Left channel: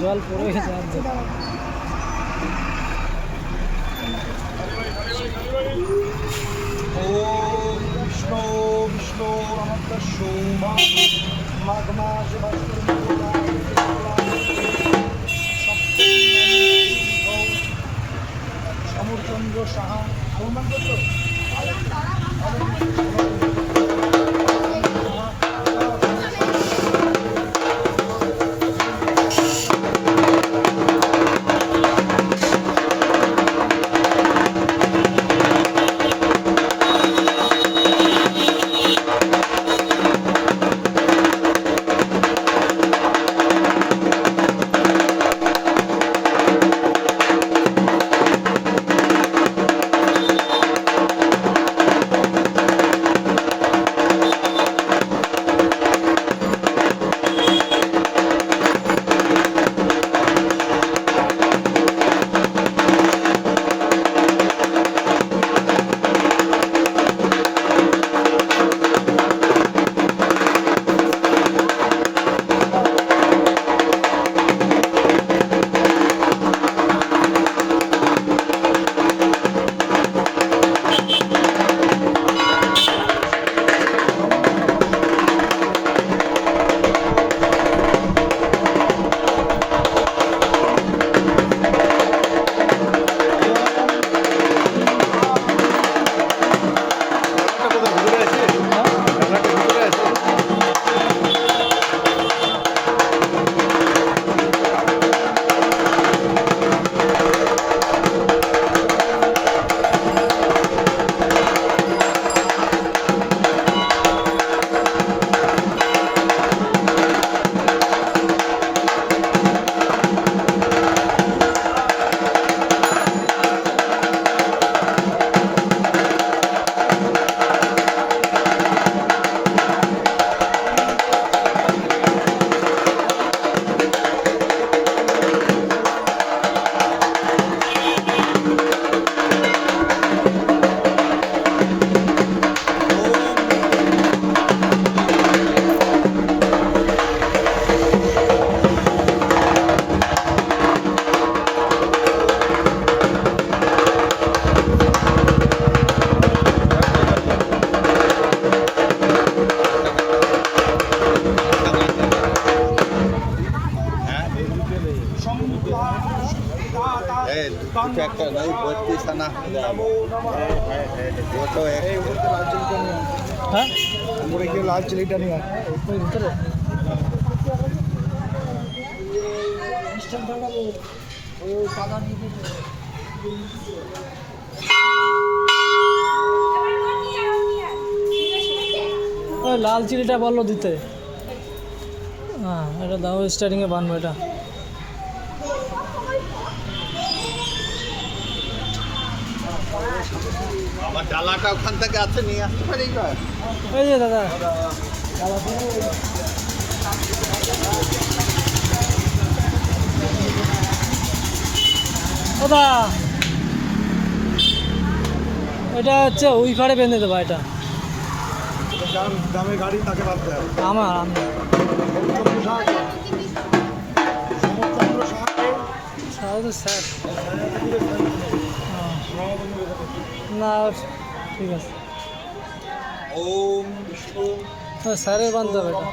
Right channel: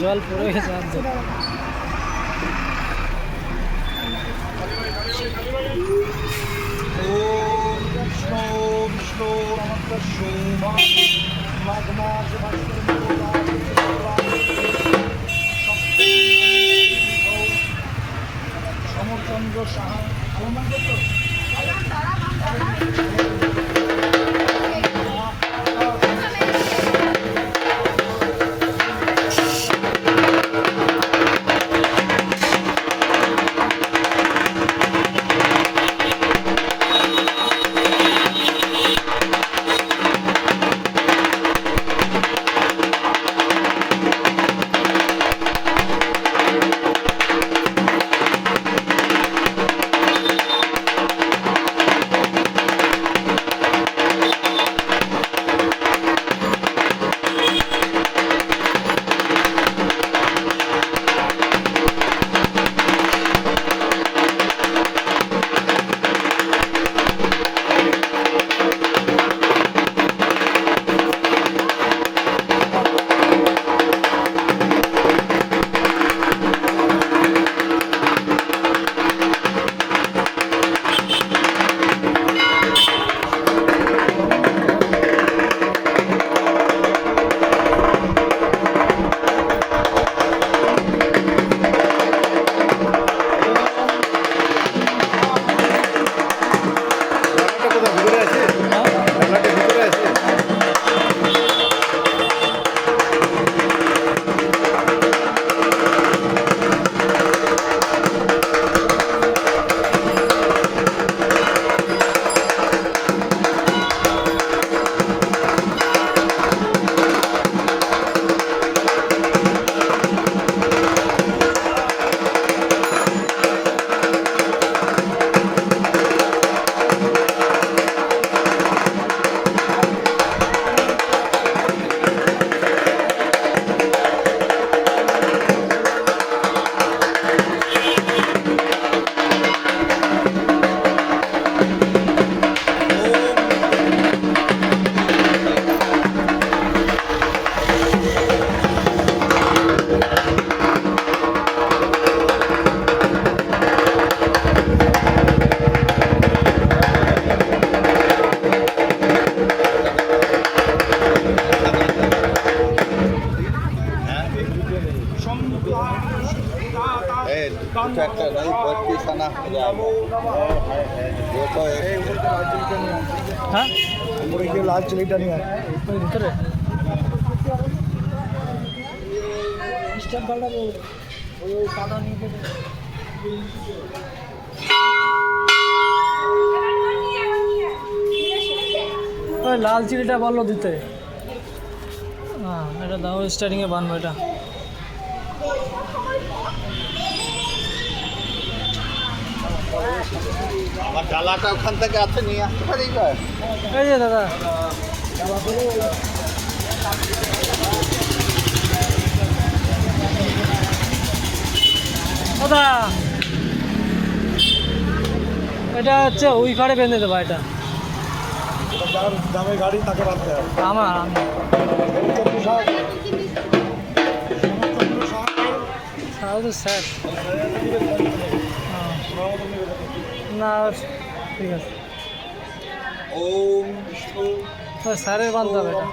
জল পড়ে গেছে আর ওম বিষ্ণু বিষ্ণু নমঃ শোভা মাঘ মাস সমরচন্দ্র সাহা আলমান করতো একটা नहीं भर्ती सना हो जाएगा वो तो एक ऊपर के लाल चिली नहीं है हाँ ऊपर के लाल चिली नहीं है ভিতরে ওই লাল চিনিটা বললো দিতে হ্যাঁ এটা দাও স্টার্টিংয়ে বানবো এটা আমার ডালাটা ওখান থেকে আছে নিয়ে আসতে পারি এই যে দাদা দাদা এটা হচ্ছে ওই ঘরে বেঁধে দেবো এটা যার দামে গাড়ি তাকে রাখতে হবে আমার সাড়ে তো স্যার না ঠিক আছে ওম বিষ্ণু স্যারের বানতে হবে এটা